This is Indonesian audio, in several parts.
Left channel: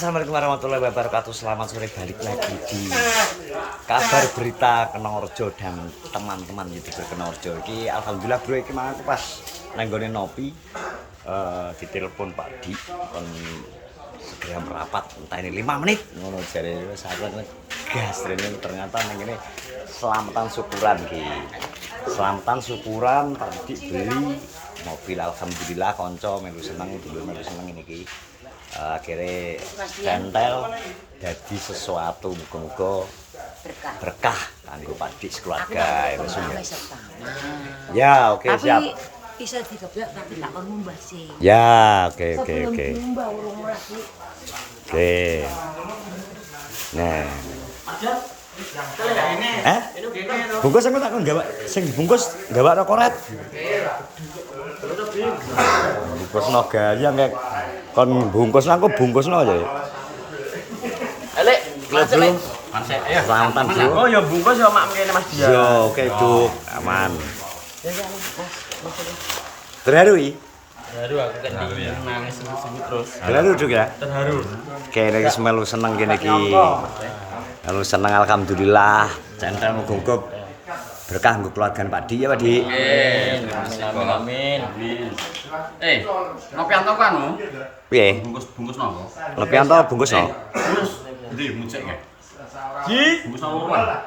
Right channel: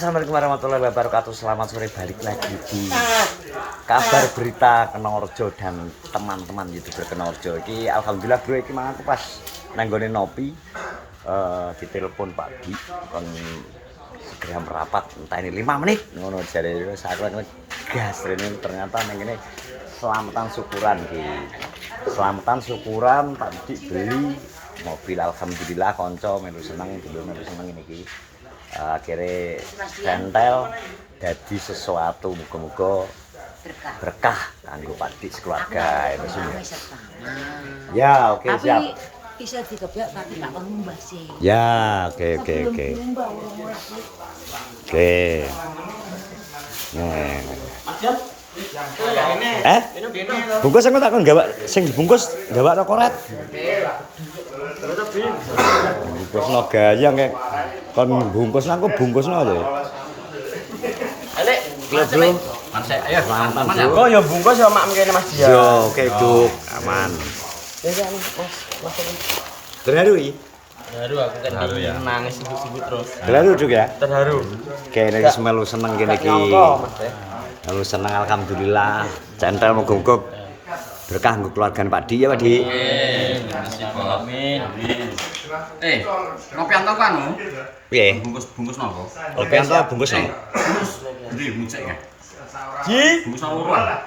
Assalamualaikum warahmatullahi wabarakatuh. Selamat sore, balik lagi di kabar berita Kenorjo dan teman-teman YouTuber Kenorjo. Iki alhamdulillah bro, iki mang aku pas nanggone nopi ditelepon Pak Di kon segera merapat entah ini 5 menit ngono jare saat gas rene ternyata nang kene selamatan syukuran ki. Selamatan syukuran Pak Di beli mobil alhamdulillah konco melu seneng, dulur melu seneng ini ki. Akhirnya sentel jadi sesuatu muga-muga berkah kanggo Pak Dik sekeluarga ya ya. Ya, oke siap. Bisa digeblek tapi tak kon ngumbah sih. Ya, oke. Oke. Nah. Bungkus aku tak kon gawak sing dibungkus gawakno koret. Bungkusno gayang kayak kon bungkusno aku bungkusno aja. Balik. Klub bro. Mansek ayo. Selamat bro. Oh ya bungkus ya mak mengene Mas Dia. Yo, oke Duk, aman. Terharu iki? Terharu aku kan nangis sebut-sebut terus. Terharu Duk ya? Terharu. Kene iki melu seneng kene iki. Melu seneng alhamdulillah. Centel muga-muga berkah nggo keluarga Pak Di ya Pak Di. Terima kasih Amin. Nopianto kan anu? Piye? Bungkus nopo? Lopianto bungkusno. Bungkus. Ndi muncek ya? Ji, bungkus nopo kan?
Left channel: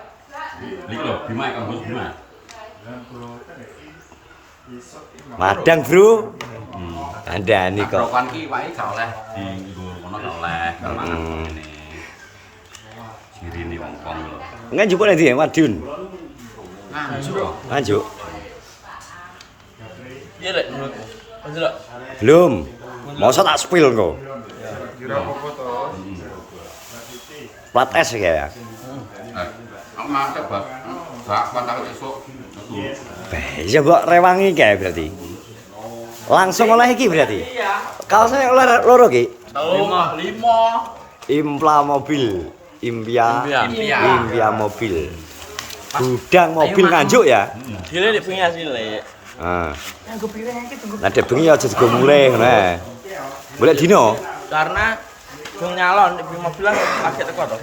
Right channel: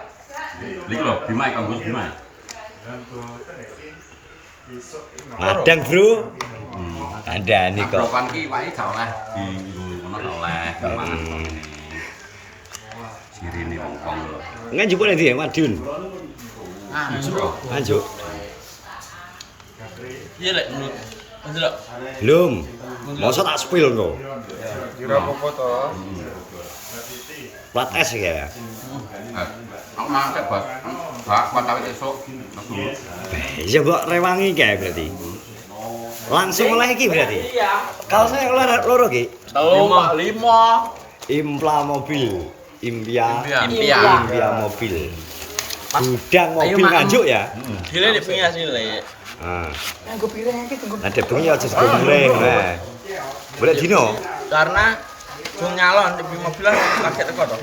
Iki lho, Bima kan bungkus Bima. Madang bro. Andani kok. Kon ki wae gak oleh di ngono gak oleh mangan ngene. Sirine wong-wong lho. Nganjuk nek ndi Madiun? Anjuk. Anjuk. Iya lek menurut. Lek. Belum. Masa tak spill engko. Plat es ya. Aku masak bak kuat awet esuk metu. Ya mbok rewangi kae berarti. Langsung oleh iki berarti. Kalau saya oleh loro ki. 5. Impla mobil. Impia mobil. Gudang mobil nganjuk ya. Dile nek bengi asile. Nah. Nah, bengi aja digomule nah. Boleh dino. Karena gong nyalon di mobilan lagi teko to.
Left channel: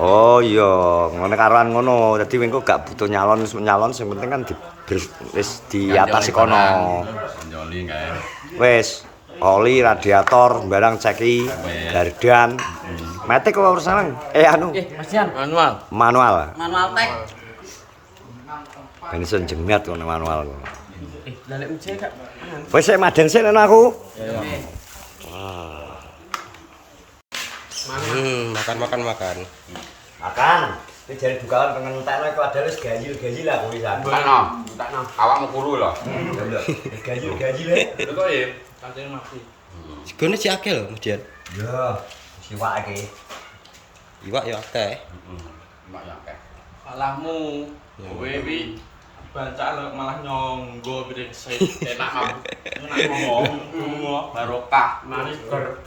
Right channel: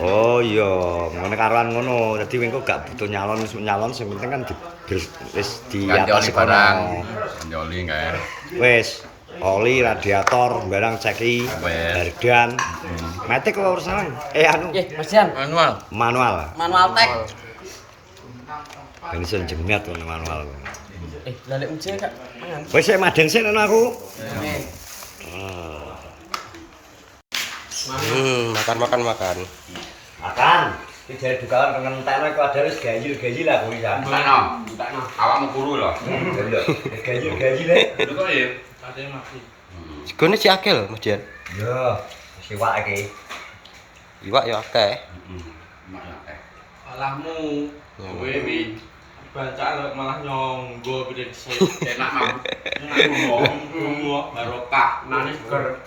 Oh iya, ngono karoan ngono. Dadi wingko gak butuh nyalon sing penting kan wis di atas kono. Ganjoli kae. Wis oli radiator barang ceki gardan. Matic kok urusan anu. Mesian manual. Manual Manual tek. Ben iso jemiat ngono manual. Lah nek ujine kak. Wis sik madang sik ana aku. Makan. Makan. Iki jare dukaan kengentekno iku ada wis gayil-gayil aku iki jan. Ngono, entakno. Awakmu turu lho. Lho, gayil-gayil e. Betul ya? Segone si akeh lho, Mas Dian. Yo, siwak iki. Iwak ya akeh. Mak ya akeh. Alahmu, kowe iki baca lho malah nyonggo piring enak mah. Enak ngomong barokah nangis ger.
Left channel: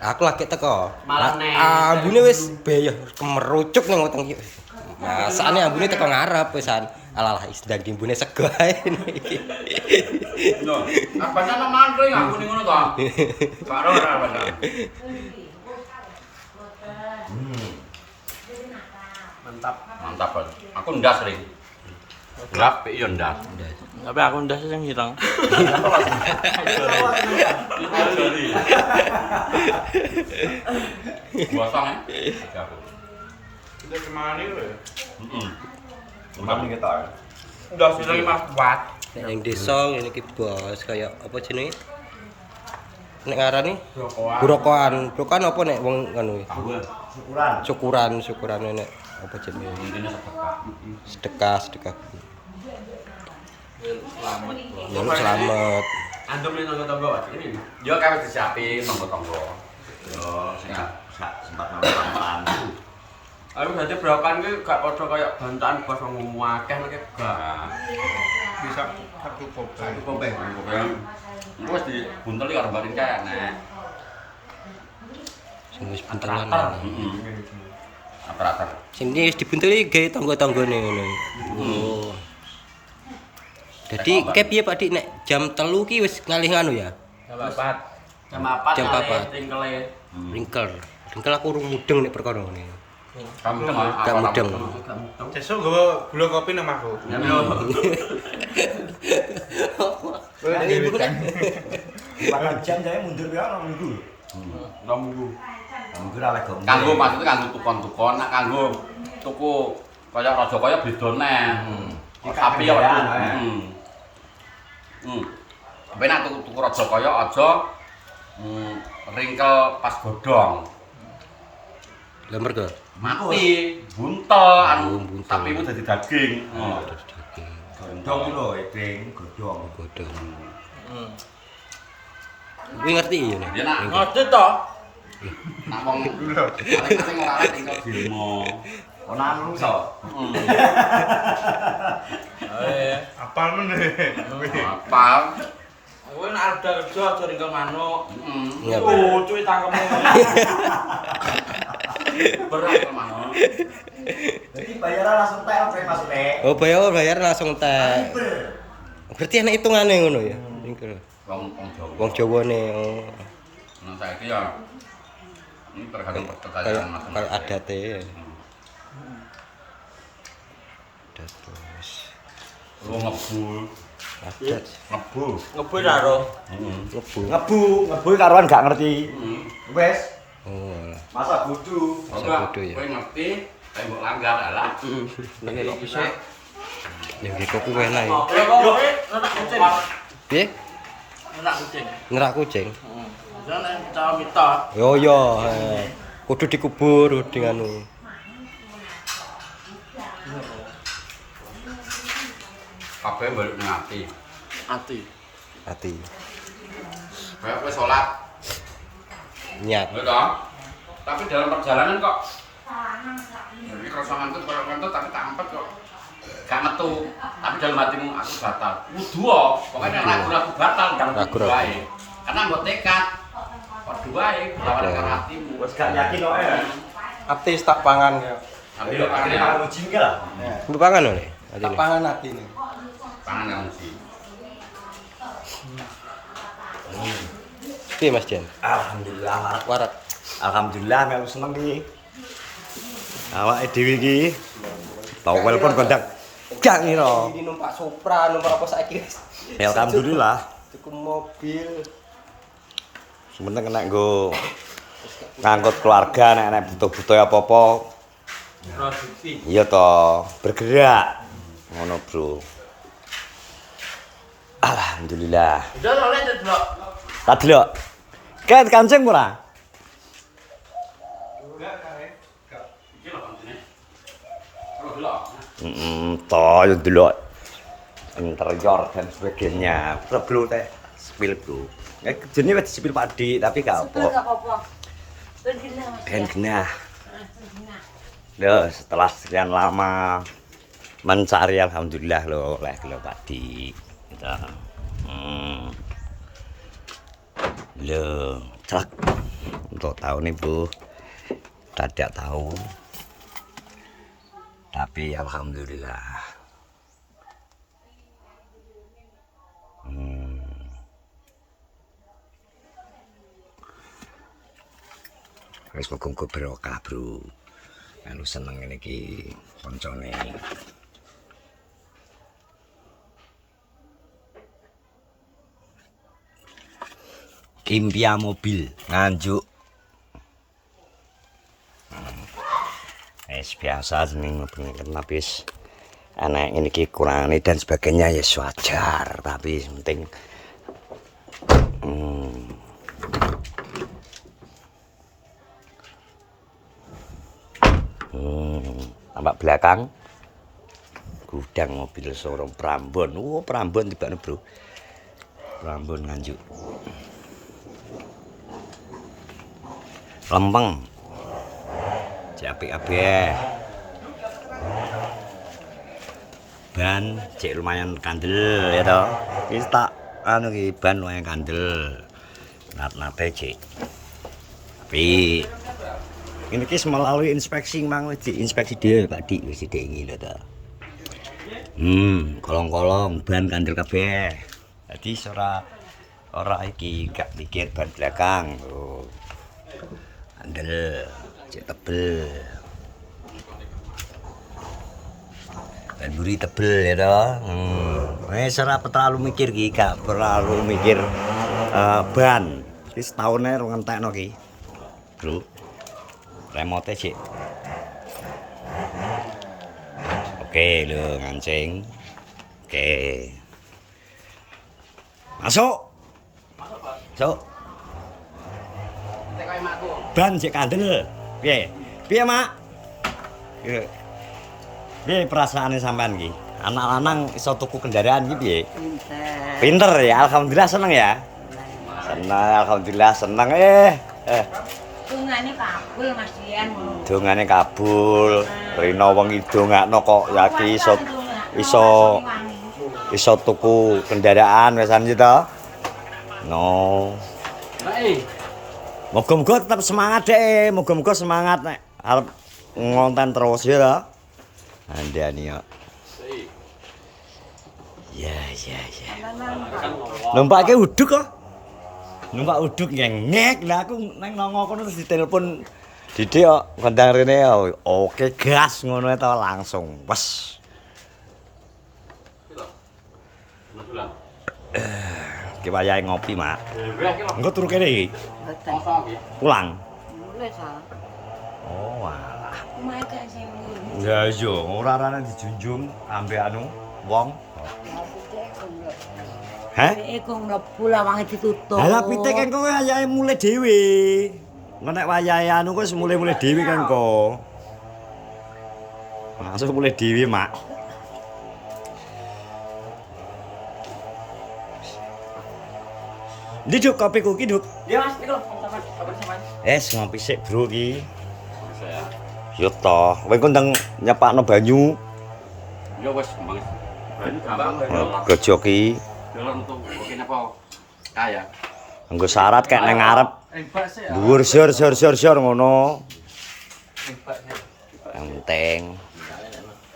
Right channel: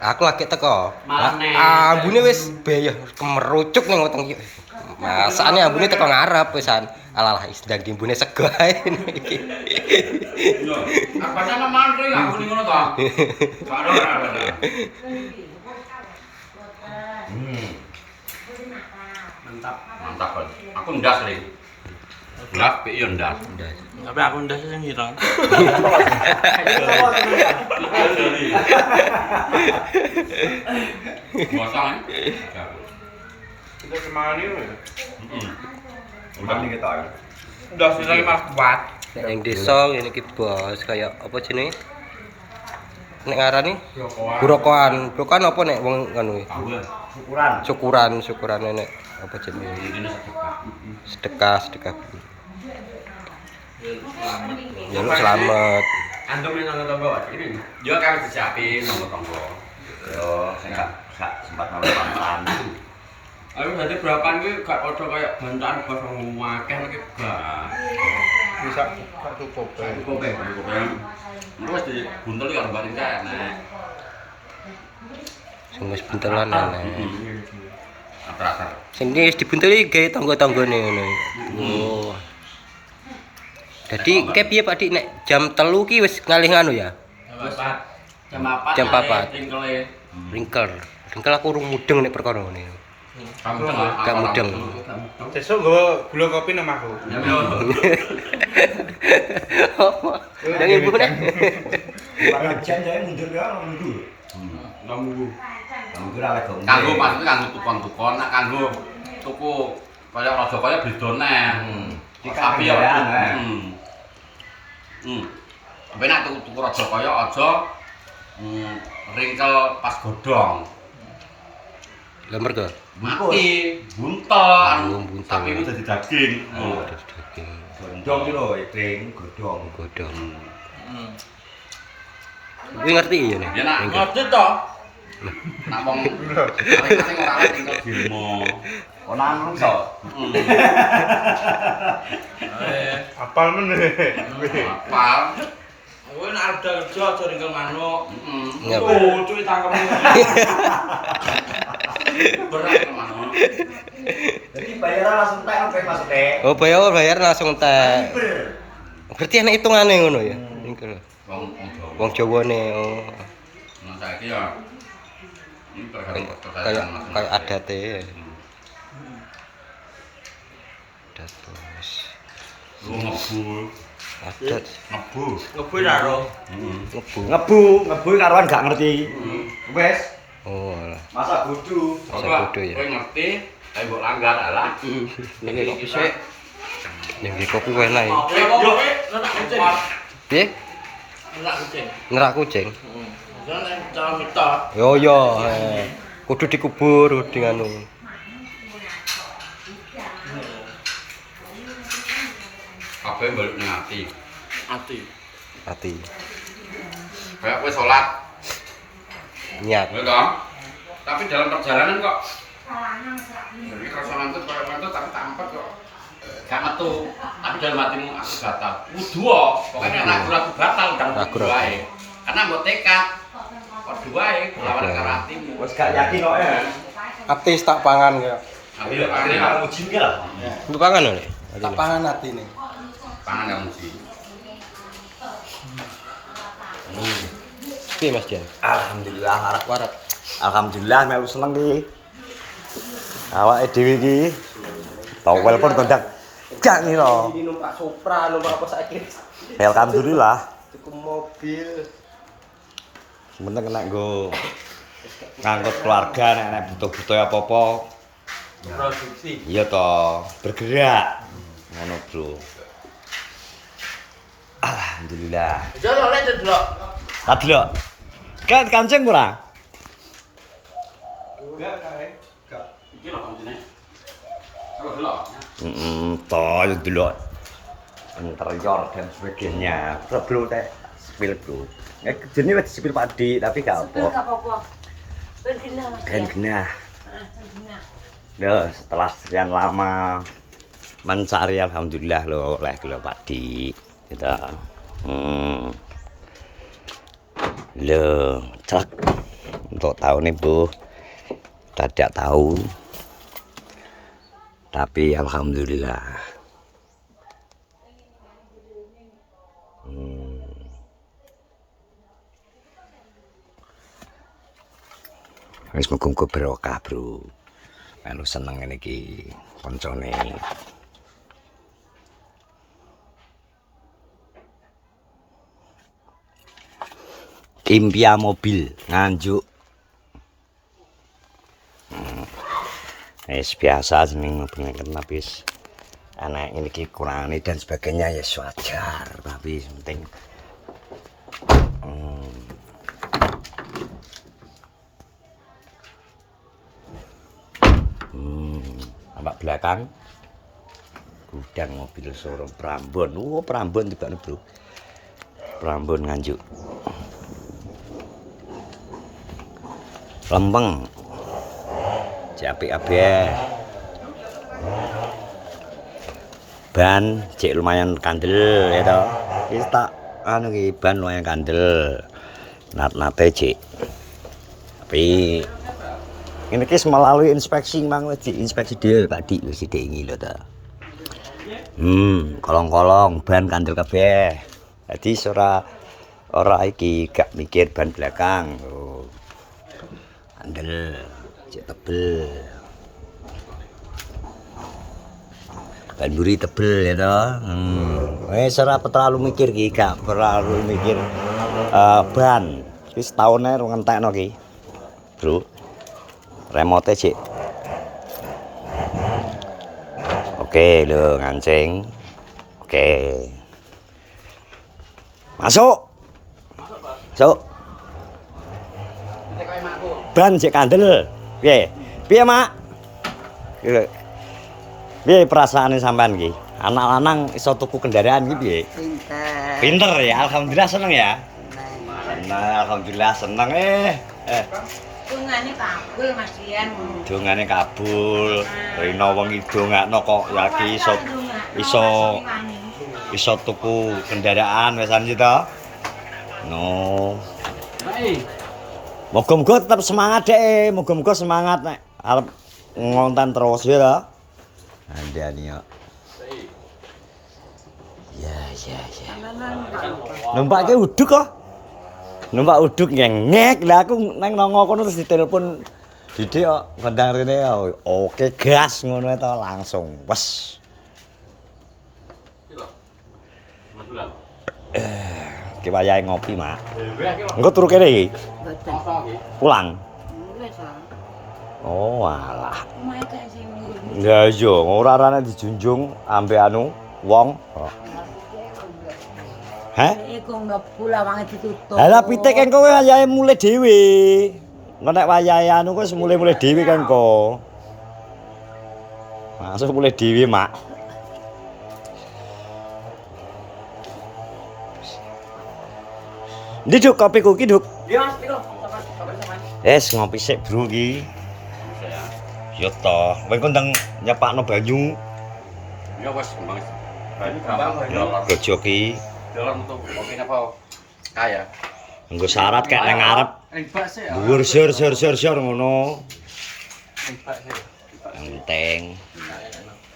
Aku lagi teko. Malah nek. Ambune wis bayah kemerucuk ning weteng iki. Masane ambune teko ngarep wisan. Alalah isdang dimbune sego ae iki. Yo, apane mamane aku ning ngono to? Karo ora bener. Mantap. Aku ndas ring. Ndas pe yo ndas. Tapi aku ndas sing hilang. Gosong ya? Itu kemana lho? Kemana kita? Ndas lagi malah kuat. Nek ning desa ngene iki bos kaya apa jenenge? Nek ngarani Burokoan. Burokoan apa nek wong ngono iki? Syukuran. Syukuran nek apa jenenge? Ini sedekah. Sedekah. Jaluk selamat. Antum ning nang tangga wae ini. Yo kan disiapin tonggo-tonggo. Yo gak sempat makan. Ayo dadi brokan iki gak padha kaya bantakan bos wong akeh nek gak. Bisa satu kopeng. Itu wis dibunteli karo baring kae nek. Sing wis buntelan aneh. Rata-rata. Sing wis dibunteli gawe tangga-tanggane ngono. Oh. Jadi kayak piye Pak Dik nek jam 3 ki wis ngalih nganu ya? Jam 4. Jam 4. Tingkele Ringkel aku urung mudeng nek perkara ngene. Kamu tengah. Gak mudeng. Sesuk nggawa gula kopi nang aku. Nang ibu nek. Jan jae mundur ya orang minggu. Lambu. Minggu ra lek gong. Kanggo maksudnya kanggo tukon-tukon, nak kanggo tuku kaya raja kaya beda neh. Tapi ya. Tapi nak tuku raja kaya aja ringkel pas godhong. Lah mergo Mati, buntel, buntel. tapi itu jadi daging. daging Godhong ki lho, edeng, godhong. godhong. Kuwi ngerti ya nih. Ya nak Ringkel. Ngerti to? nak wong paling ora lek ringkel dilmo. Ora iso. Apal meneh. Apal. Kowe nek ada kerja aja ringkel manuk. Ngapa? Oh, cuy tangkemmu. Berat manuk. Jadi bayaran langsung tek oke maksudnya. Oh, bayar langsung entek. Berarti ana hitungane ngono ya. Ringkel. Wong Jawa. Wong Jawane oh. Nah saiki ya ini tergantung Kayak masing-masing. adate. Adat bos. Lu ngebu, Adat ngebu. Ngebu ya ro. ngebu. Ngebu karuan gak ngerti. Wes, Oh, alah. masa bodoh. Coba bodoh ya. kowe ngerti, tapi mbok langgar alah. Nek kok bisa. Ning kok kuwi enak ya. Yo, anak kucing. Piye? Anak kucing. Ngerak kucing. Heeh. Jangan nek cara mitos. Yo yo, kudu dikubur dengan anu. Kabeh balik ngati. Ati. Ati. Kayak kowe salat, Niat. ya toh? Tapi dalam perjalanan kok jadi kerasa ngantuk, kalau ngantuk tapi tak empet kok. Gak metu, tapi dalam hatimu aku batal. Wudu pokoknya ragu-ragu batal udah Ragu-ragu. wudu wae. Karena mbok tekad padha wae berlawanan karo hatimu. Wes gak yakin kok ya. Atis tak pangan ya. Ayo Akhirnya makan uji ke lah. Untuk pangan oleh. Tak pangan atine. pangan kan mesti. Piye Mas Jan? Alhamdulillah Warak. Alhamdulillah melu seneng iki. Awake dhewe iki towel pun kondak gak ngira. Ini numpak Supra, numpak apa saiki? Alhamdulillah. Tuku mobil. Sementing kena nggo ngangkut keluarga nek butuh-butuh apa-apa. Produksi. Iya toh, bergerak. Ngono, Bro. Alhamdulillah. Yo yo lek delok. Tak delok. Kayak kancing ora? Iki lho kancine. Aku delok. Toh yo delok. Interior dan sebagainya. Bro, teh spill, Bro. Jenenge wis disipil Pak Dik, tapi gak apa. Enggak apa-apa. Bergenah, Mas. Ben genah. Bergenah. Loh, setelah sekian lama mencari alhamdulillah loh oleh Pak Dik. Gitu. Loh, cek untuk tahun ini Bu tidak tahu, tapi alhamdulillah. Wis muga-muga barokah, Bro. Melu seneng ngene iki koncone. Impia mobil Nganjuk. Wis biasa jeneng bener tapi wis ana ini iki kurangane dan sebagainya ya wajar, tapi penting nampak belakang gudang mobil showroom Prambon. Prambon tibane, Bro. Prambon Nganjuk. Lempeng. Apik kabeh. Ban cek lumayan kandel ya toh. Iki tak anu iki ban lumayan kandel. Nat-nate cek. Tapi ini ki melalui inspeksi mang wis inspeksi dhewe Pak Dik wis diingi lho to. Kolong-kolong ban kandel kabeh. Dadi ora iki gak mikir ban belakang. Oh. Andel, cek tebel. Ban buri tebel ya toh. Wis ora terlalu mikir ki, gak perlu mikir ban. Iki setahun ae rung entekno ki. Bro. Remote cek. Oke, lho ngancing. Oke. Masuk. Masuk. Ban cek kandel. Piye? Piye, Mak? Piye? Piye perasaane sampean iki? Anak lanang iso tuku kendaraan iki piye? Pinter. Pinter ya, alhamdulillah seneng ya. Seneng, alhamdulillah seneng Tungane kabul Mas Dian. Dongane kabul. Rino wong idongakno kok lagi iso tuku kendaraan wesan iki to. No. Moga-moga tetap semangat deh, moga-moga semangat nek arep ngonten terus ya to. Andani yo. Ya. Numpake uduk kok. Numpak uduk ngek. Lah aku nang nongo kono terus ditelepon Didik kok kondang rene ya. Oke, gas ngono to langsung. Wes. Ki wayahe ngopi, Mak. Engko turu kene iki. Mboten. Pulang. Wis Oh, alah. omahe gak sing ngene. Ya iya, ora arane dijunjung ambe anu wong. Heh? Iku mlebu lawange ditutup. Lah pitik kan kowe wayahe mulai dhewe. Engko nek wayahe anu kowe mulai dhewe kan kok. Masuk mulai dhewe, Mak. Ndi Duk kopiku ki, Duk? Iya Mas, piro? Mas. Ngopi sik, Bro iki. Yo toh, kowe kondang nyepakno banyu. Ya wis gampang. Banyu gampang. Gojo ki Dalam tuh oke napa? Kaya. nggo syarat kayak nang ngarep. Ribet sih ya. Dhuwur sor ngono. Yang penting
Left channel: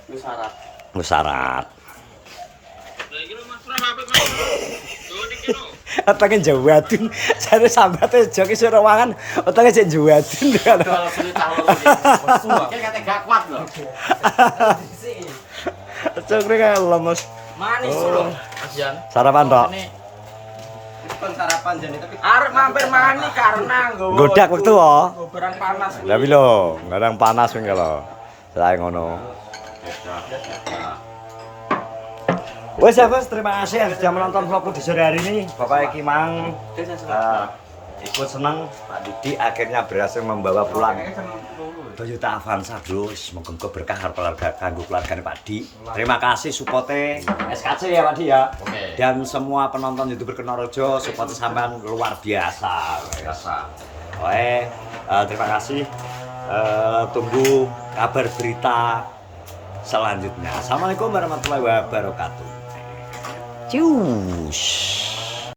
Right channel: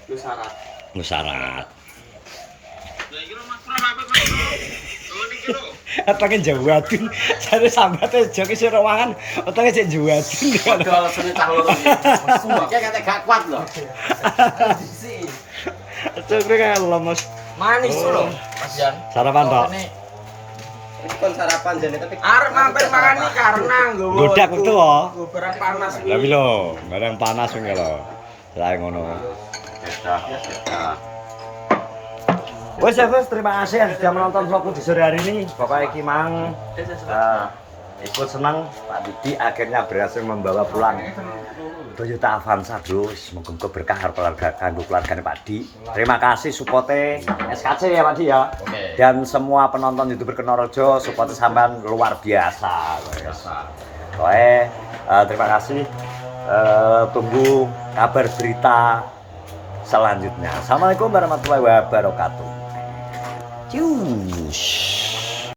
Wis syarat. nggo syarat. Otaknya jawadun, saya sambatnya joki suruh mangan, otaknya cek jawadun. Kalau sini tahu lagi. Kayak kata gak kuat loh. Cokre kayak lemes. Manis loh, Mas Jan. Sarapan toh? Wis kon sarapan jane tapi Arep mampir makan nih karena nggowo. Godak waktu oh. Nggo barang panas kuwi. Lah lho, ngarang panas wing kalau. Saya ngono. Wes ya Bos, terima kasih yang sudah menonton vlogku di sore hari ini. Pokoknya Ki Mang ikut senang Pak Didi akhirnya berhasil membawa pulang Toyota Avanza, Bro. Semoga berkah keluarga kanggo keluargane Pak Di. Terima kasih supporte SKC ya Pak Di ya. Oke. Dan semua penonton YouTuber Kenorojo support sampean luar biasa. Oke, terima kasih. Tunggu kabar berita selanjutnya. Assalamualaikum warahmatullahi wabarakatuh. Cius.